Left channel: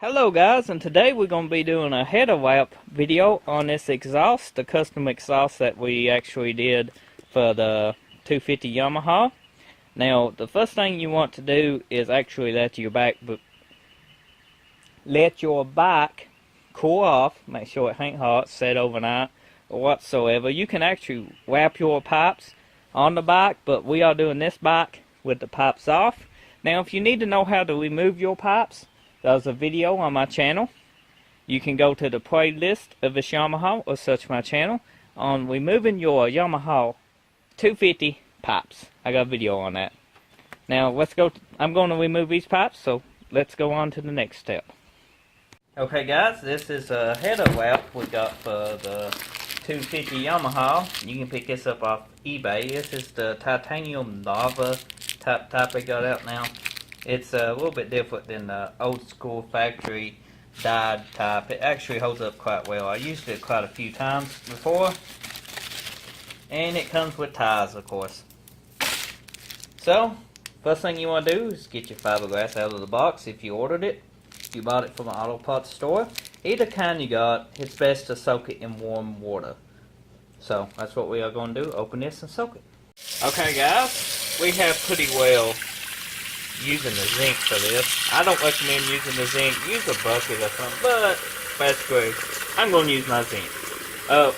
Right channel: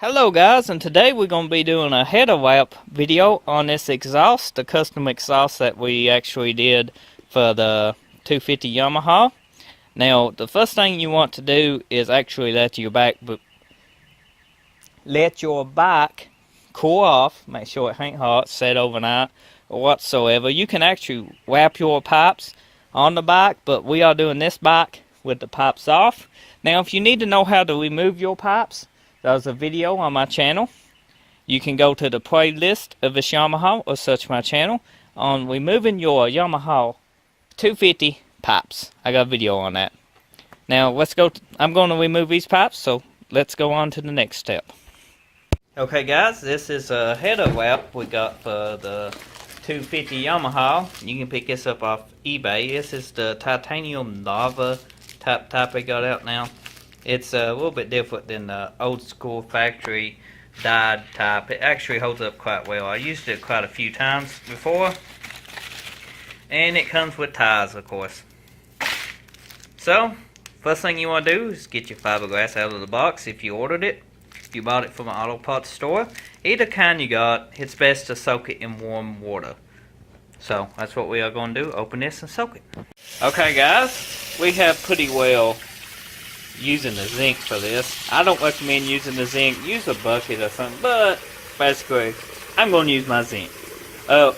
Hello guys, and today we're going to be doing a header wrap video on this exhaust, the custom exhaust that we actually did for the 250 Yamaha. Now, the first thing you want to do is actually let your back cool off, make sure it ain't hot, set overnight, or whatsoever. You can actually wrap your pipes on the bike, but we are doing this bike with the pipes off. Now, if you need to know how to remove your pipes, there's a video on my channel. You can go to the playlist of this Yamaha or search my channel on removing your Yamaha 250 pipes. I got a video on that. Now let's go. I'm going to remove these pipes, so let's go on to the next step. Okay guys, this is a header wrap we got for the 250 Yamaha. You can pick this up off eBay. This is the titanium lava type I got out now. It's a little bit different than the old school factory dyed type. It actually holds up quite well. I used it quite a few times before. And it comes with ties, of course. So, first thing you want to do is get your fiberglass out of the box if you ordered it. If you bought it from an auto parts store. Either kind you got, it's best to soak it in warm water. So, that's what we are going to do. Open this and soak it. Okay guys, we have pretty well using the zinc for this. I don't recommend using the zinc. Use a bucket or something, but basically, I'm going to use my zinc.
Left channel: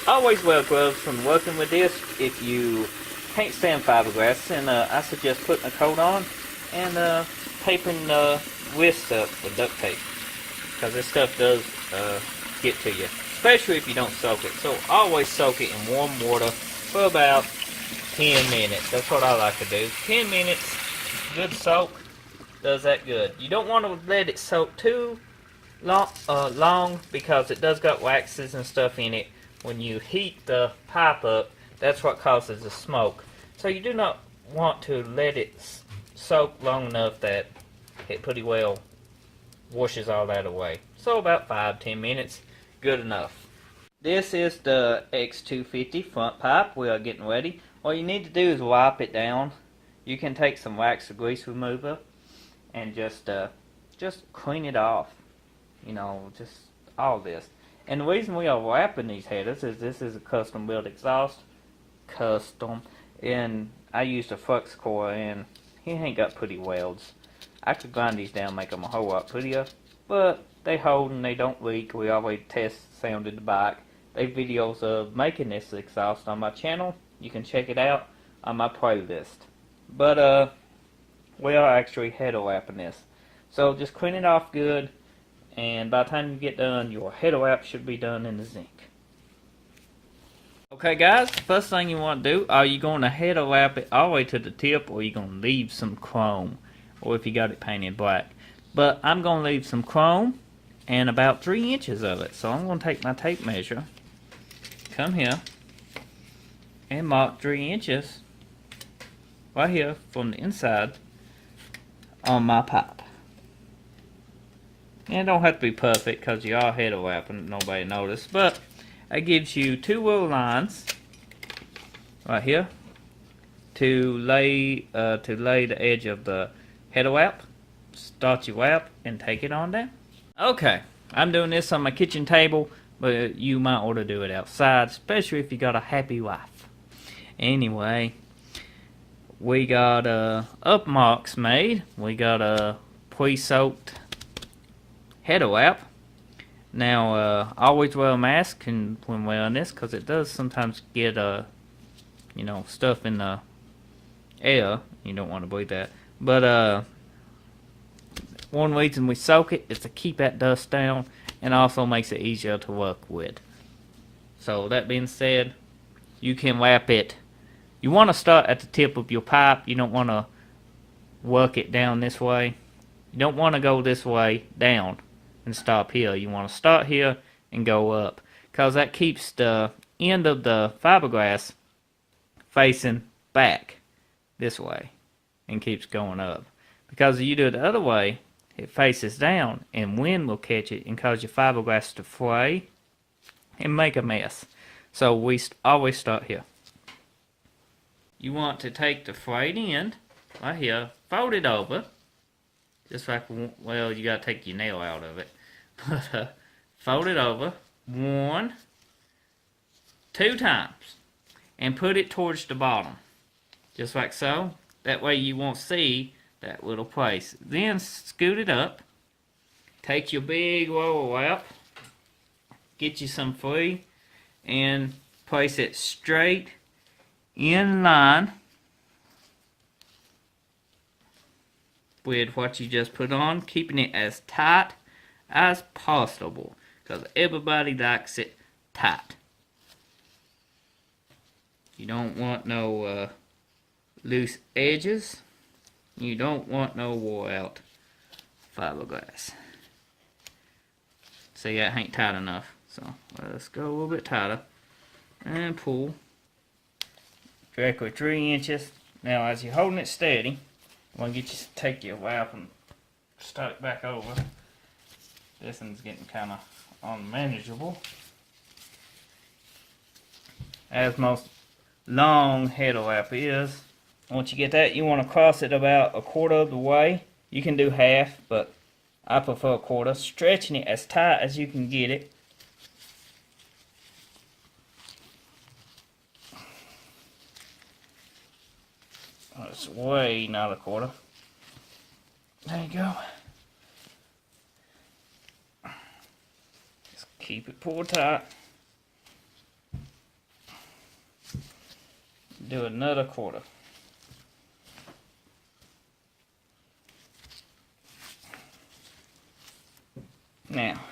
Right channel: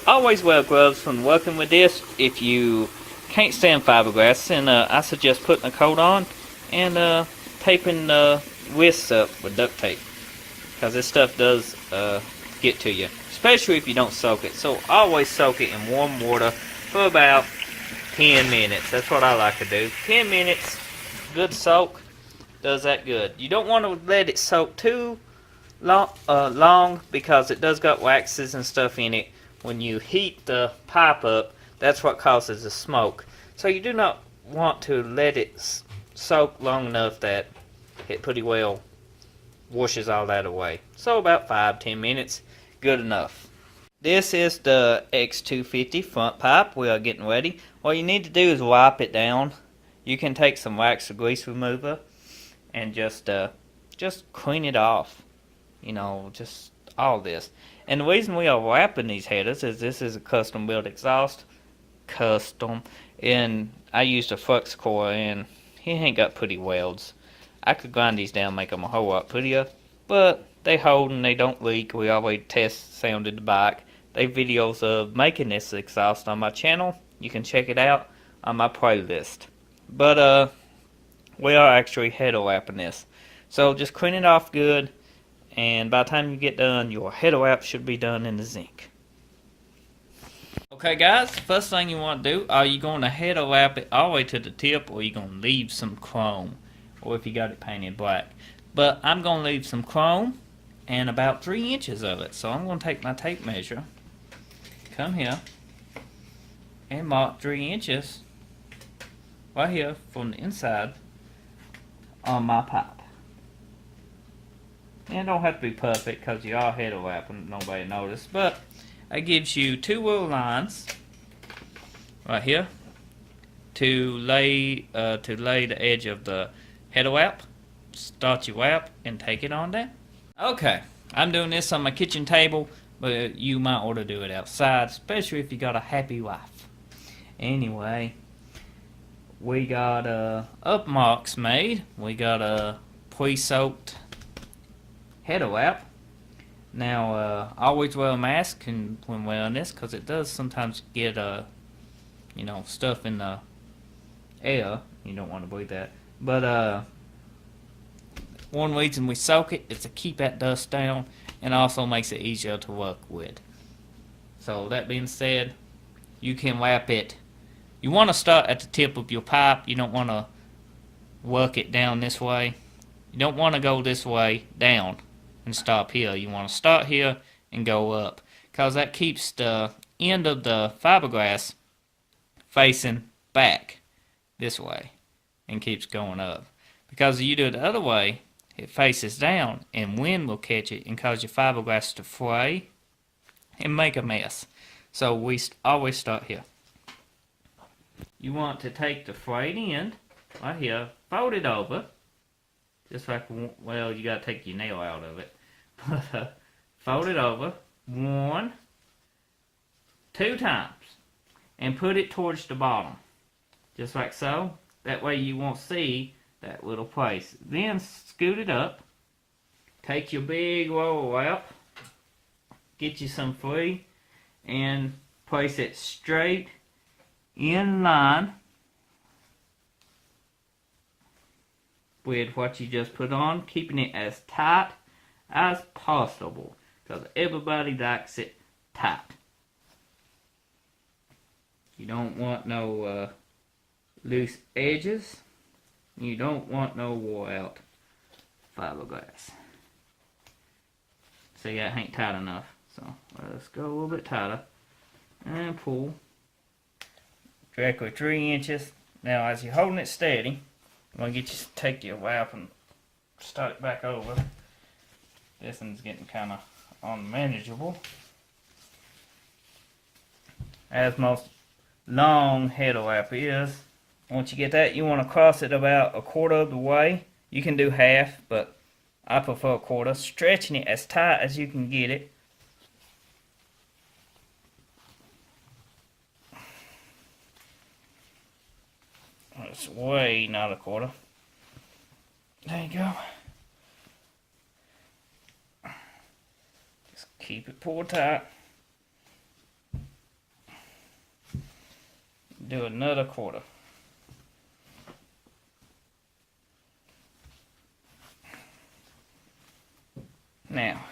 Always wear gloves when working with this. If you can't stand fiberglass, and I suggest putting a coat on and taping the wrists up with duct tape, because this stuff does get to you, especially if you don't soak it. So always soak it in warm water for about 10 minutes. That's what I like to do. 10 minutes, good soak. Does that good. You don't want to let it soak too long because it does got waxes and stuff in it. When you heat the pipe up, that's what causes the smoke. So you do not want to let it soak long enough that it pretty well washes all that away. So about 5-10 minutes, good enough. This is the X250 front pipe. We are getting ready. All you need to do is wipe it down. You can take some wax or grease remover and just clean it off, you know, just all this. And the reason we are wrapping these headers is this is a custom built exhaust, and I used a flux core, and he ain't got pretty welds. I could grind these down, make them a whole lot prettier, but they hold and they don't leak. We always test sounded the bike. They videos of making this exhaust on my channel. You can check it out on my playlist. But we are actually header wrapping this. So just clean it off good, and by the time you get done, your header wrap should be done in the zinc. Okay guys, the first thing you want to do, are you going to header wrap it all the way to the tip, or are you going to leave some chrome, or if you got it painted black? But I'm going to leave some chrome and about 3 inches of it. So I'm going to take my tape measure, come here, and mark 3 inches right here from the inside on my pipe. And it don't have to be perfect because you are header wrapping, nobody noticed, but it gives you 2 little lines right here to lay the edge of the header wrap. Start your wrap and take it on down. Okay, I'm doing this on my kitchen table, but you might ought to do it outside, especially if you got a happy wife. Anyway, we got up marks made. We got a pre-soaked header wrap. Now, always wear a mask when wearing this, because it does sometimes get you know, stuff in the air. You don't want to breathe that. But one reason we soak it is to keep that dust down, and also makes it easier to work with. So that being said, you can wrap it. You want to start at the tip of your pipe. You don't want to work it down this way. You don't want to go this way down and stop here. You want to start here and go up, because that keeps the end of the fiberglass facing back this way and keeps going up. Because if you do it the other way, it faces down and wind will catch it and cause your fiberglass to fray and make a mess. So we always start here. You want to take the frayed end right here, fold it over, just like, well, you got to take your nail out of it. Fold it over 1, 2 times and put it towards the bottom, just like so. That way you won't see that little place. Then scoot it up, take your big roll up, get you some free, and place it straight in line with what you just put on, keeping it as tight as possible, because everybody likes it tight. You don't want no loose edges. You don't want no wore out fiberglass. See, that ain't tight enough, so let's go a little bit tighter and pull directly 3 inches. Now, as you're holding it steady, I'm going to get you to take your wrap and start it back over. This one's getting kind of unmanageable, as most long head wrap is. Once you get that, you want to cross it about 1/4 of the way. You can do half, but I prefer 1/4, stretching it as tight as you can get it. Oh, it's way not 1/4. There you go. Just keep it pulled tight. Do another 1/4. Now,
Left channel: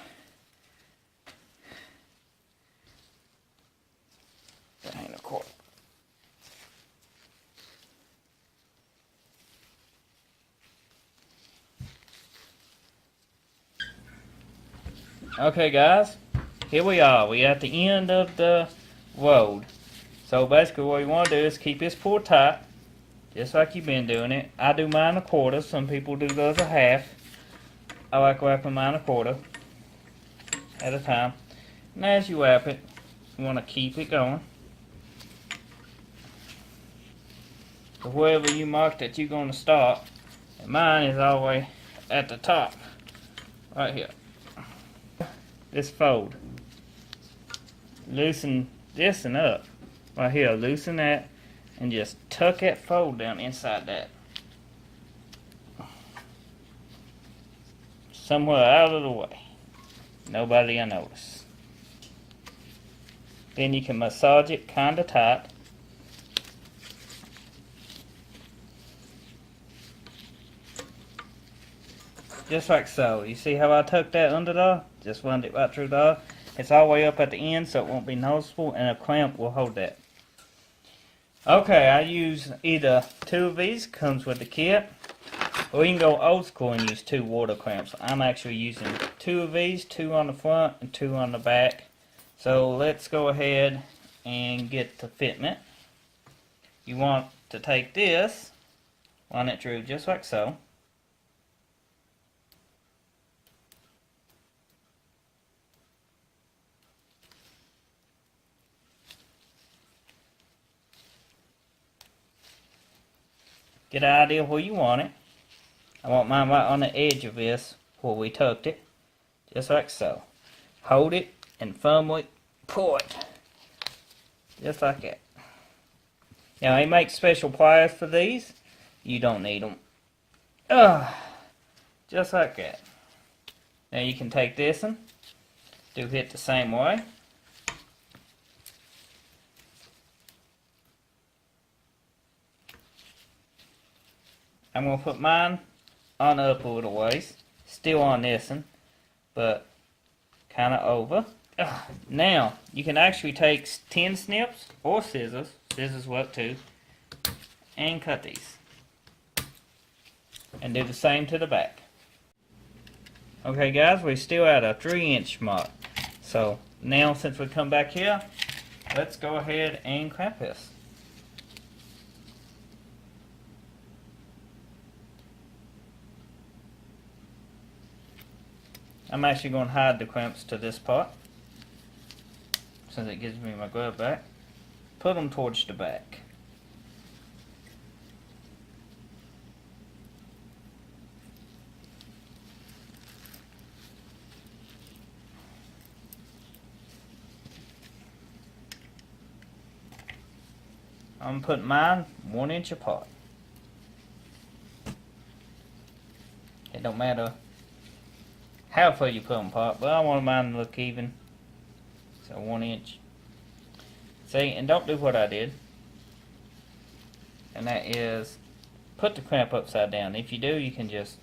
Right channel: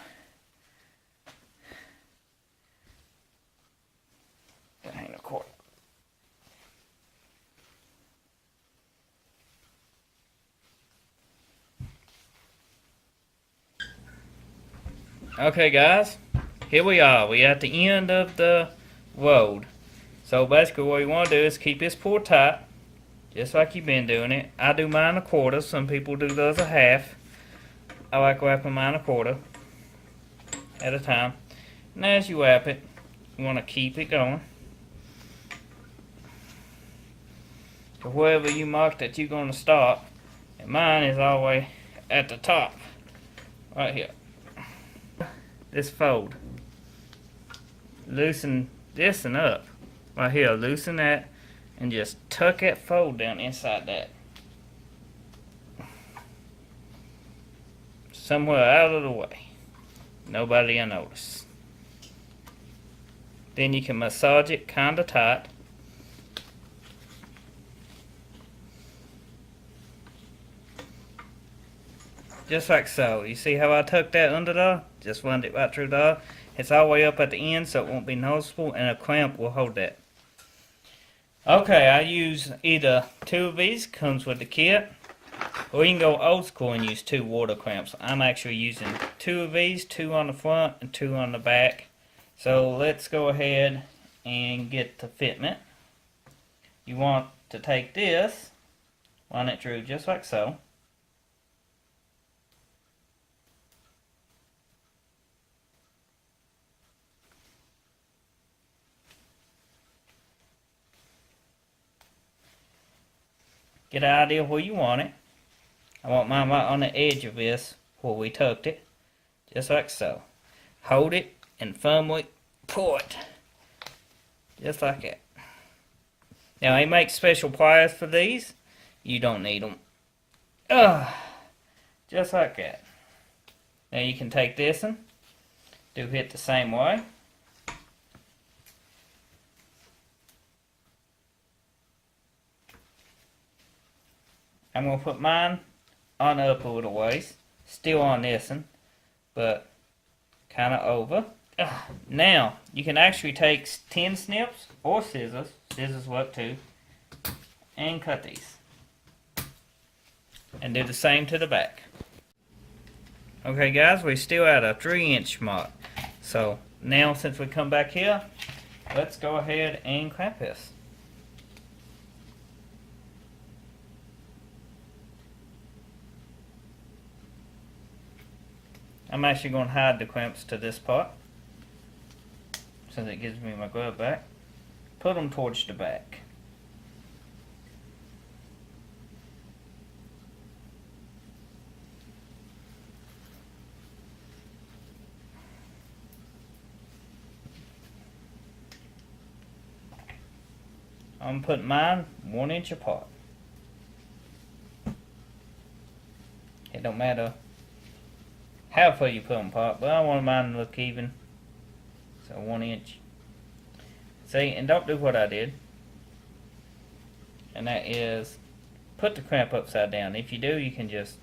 that ain't 1/4. Okay guys, here we are. We're at the end of the road. So basically what you want to do is keep this pulled tight, just like you've been doing it. I do mine 1/4, some people do those 1/2. I like wrapping mine 1/4 at a time. And as you wrap it, you want to keep it going to wherever you mark that you're going to start. And mine is all the way at the top, right here. This fold. Loosen this and up. Right here, loosen that and just tuck that fold down inside that. Somewhere out of the way. Nobody will notice. Then you can massage it kinda tight. Just like so. You see how I tucked that under there? Just run it right through there. It's all the way up at the end, so it won't be noticeable, and a clamp will hold that. Okay, I use either 2 of these, comes with the kit, or you can go old school and use 2 water clamps. I'm actually using 2 of these, 2 on the front and 2 on the back. So let's go ahead and get the fitment. You want to take this, run it through just like so. Get an idea where you want it. I want mine right on the edge of this where we tucked it. Just like so. Hold it and firmly pull it. Just like that. Now they make special pliers for these. You don't need them. Just like that. Now you can take this one. Do it the same way. I'm going to put mine on up a little ways, still on this one, but kind of over. Now, you can actually take tin snips or scissors work too, and cut these. And do the same to the back. Okay guys, we're still at a 3-inch mark. So now since we come back here, let's go ahead and clamp this. I'm actually going to hide the clamps to this part, since it gives me my glove back. Put them towards the back. I'm putting mine 1 inch apart. It don't matter how far you put them apart, but I want mine to look even. So 1 inch. See, and don't do what I did. And that is put the clamp upside down. If you do, you can just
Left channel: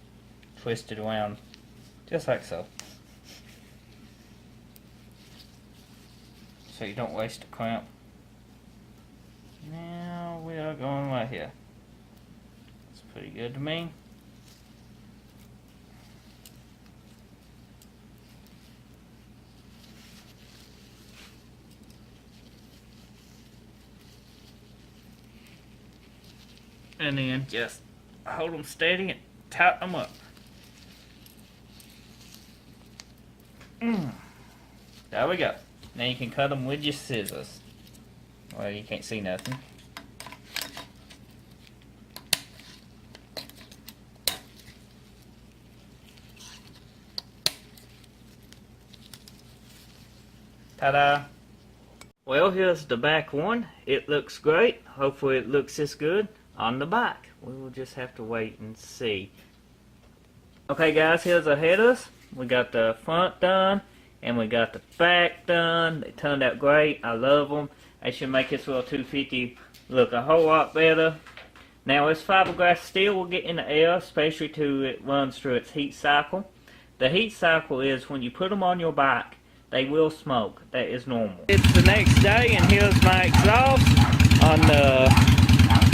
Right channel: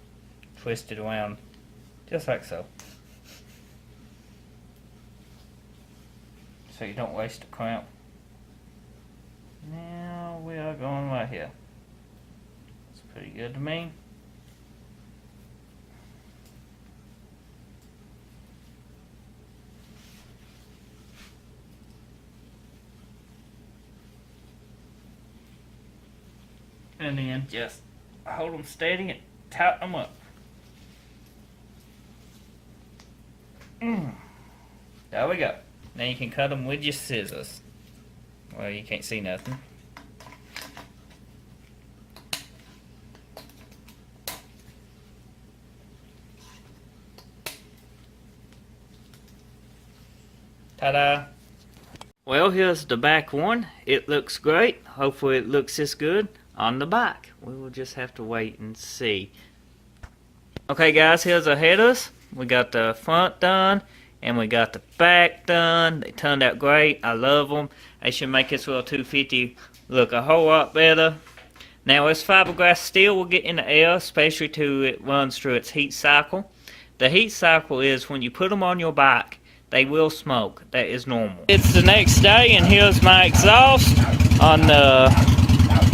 twist it around just like so. So you don't waste the clamp. Now we are going right here. It's pretty good to me. And then just hold them steady and tighten them up. There we go. Now you can cut them with your scissors. Well, you can't see nothing. Ta-da! Well, here's the back one. It looks great. Hopefully it looks this good on the back. We will just have to wait and see. Okay guys, here's the headers. We got the front done and we got the back done. They turned out great. I love them. They should make this little 250 look a whole lot better. Now this fiberglass steel will get in the air, especially till it runs through its heat cycle. The heat cycle is when you put them on your bike, they will smoke. That is normal. It's the next day and here's my exhaust on the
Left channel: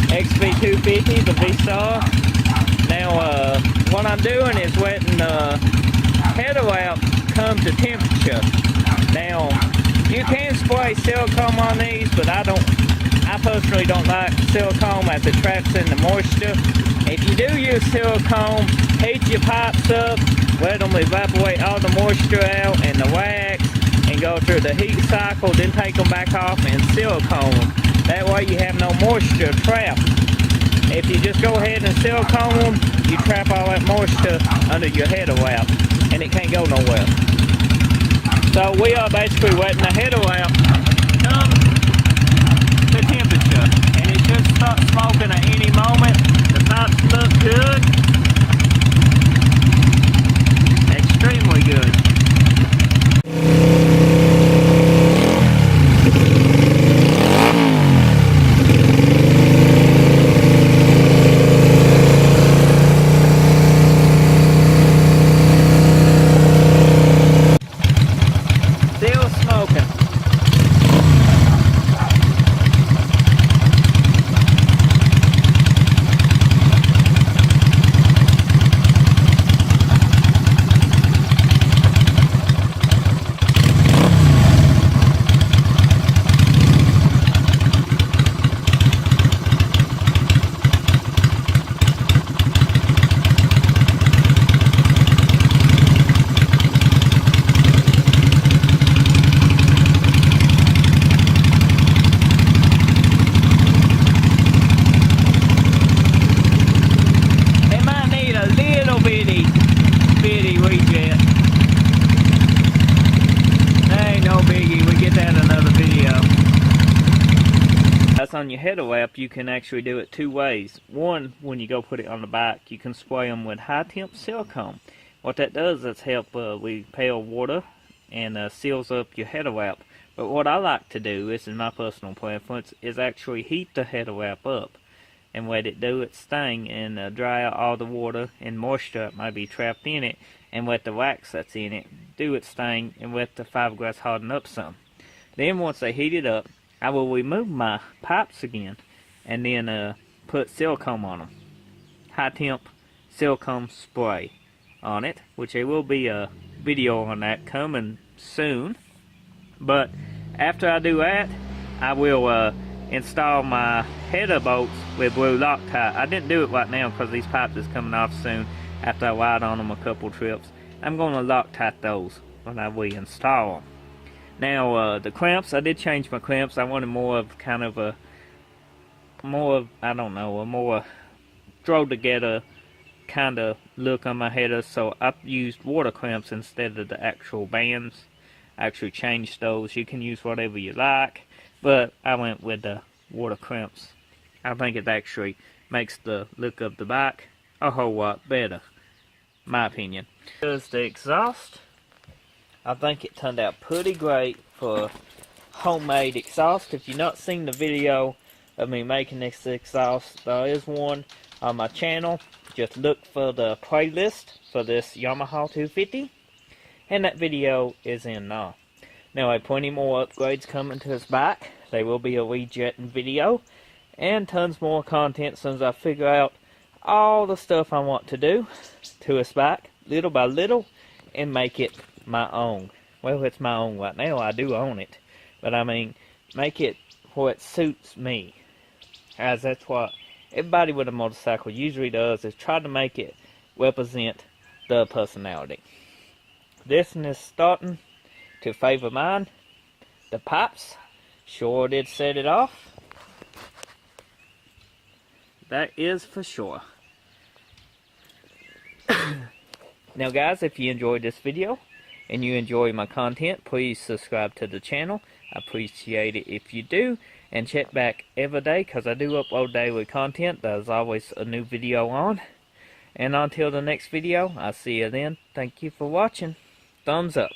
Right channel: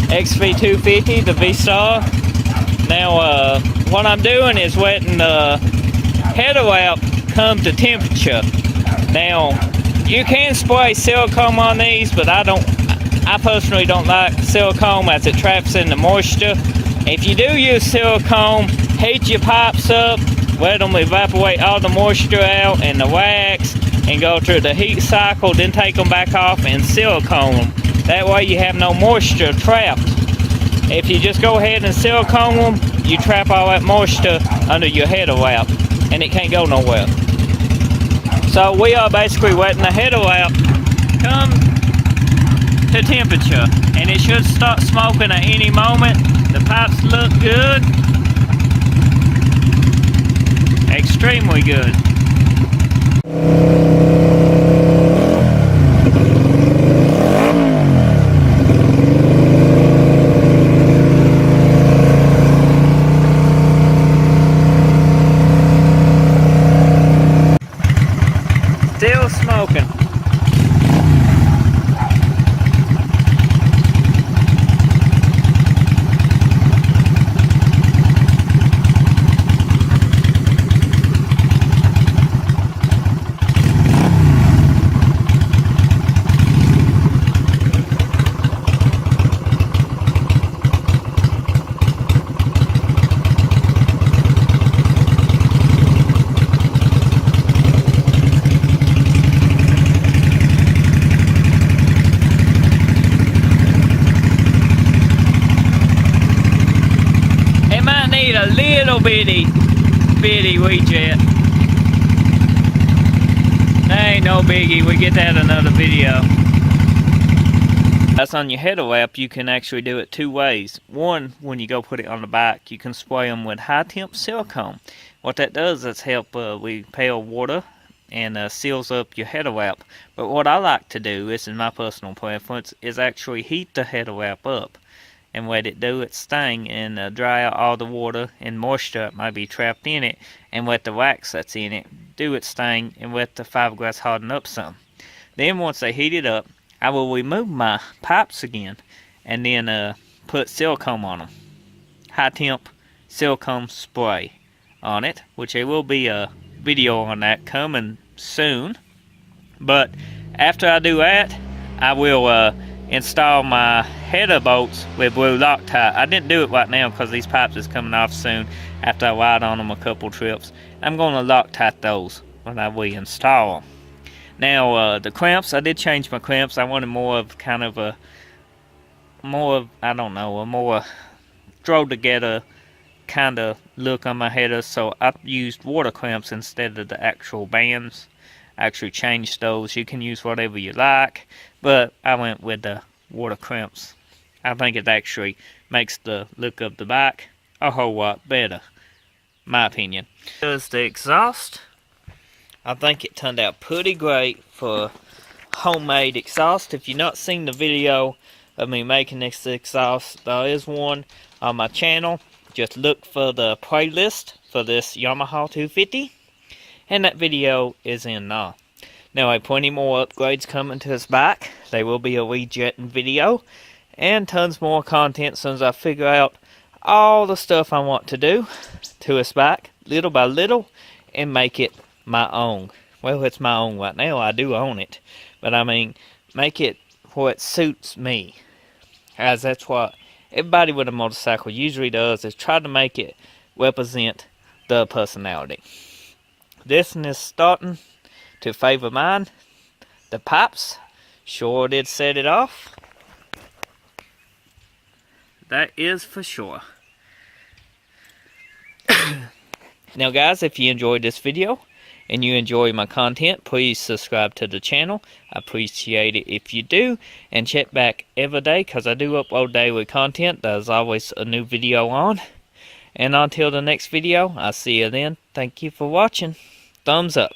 Xv250, the Vstar. Now what I'm doing is letting the header wrap come to temperature. Now you can spray silicone on these, but I personally don't like silicone as it traps in the moisture. If you do use silicone, heat your pipes up, let them evaporate all the moisture out and the wax and go through the heat cycle, then take them back off and silicone them. That way you have no moisture trapped. If you just go ahead and silicone them, you trap all that moisture under your header wrap and it can't go nowhere. So we are basically letting the header wrap come to temperature and it should start smoking at any moment. The pipes look good. Extremely good. Still smoking. Bitty weed jet. Ain't no biggie, we get that in another video. That's on your header wrap. You can actually do it two ways. One, when you go put it on the bike, you can spray them with high temp silicone. What that does is help repel water and seals up your header wrap. But what I like to do, this is my personal preference, is actually heat the header wrap up and let it do its thing and dry out all the water and moisture that might be trapped in it, and let the wax that's in it do its thing and let the fiberglass harden up some. Then once they heat it up, I will remove my pipes again and then put silicone on them. High temp silicone spray on it, which there will be a video on that coming soon. But after I do that, I will install my header bolts with blue Loctite. I didn't do it right now because these pipes is coming off soon after I ride on them a couple trips. I'm going to Loctite those when I reinstall them. Now the clamps, I did change my clamps. I wanted more of kind of a I don't know, a more throw together kind of look on my header, so I used water clamps instead of the actual bands. I actually changed those. You can use whatever you like, but I went with the water clamps I think it actually makes the look of the bike a whole lot better, my opinion. Here's the exhaust. I think it turned out pretty great for homemade exhaust. If you've not seen the video of me making this exhaust, there is one on my channel. Just look for the playlist for this Yamaha 250, and that video is in now. Now I have plenty more upgrades coming to this bike. They will be a rejetting video and tons more content as soon as I figure out all the stuff I want to do to this bike little by little and make it my own. Well, it's my own right now. I do own it, but I mean, make it where it suits me, as that's what everybody with a motorcycle usually does, is try to make it represent the personality. This one is starting to favor mine. The pipes sure did set it off. That is for sure. Now guys, if you enjoyed this video and you enjoy my content, please subscribe to the channel. I appreciate it if you do. And check back every day, because I do upload daily content. There's always a new video on. And until the next video, I'll see you then. Thank you for watching. Thumbs up.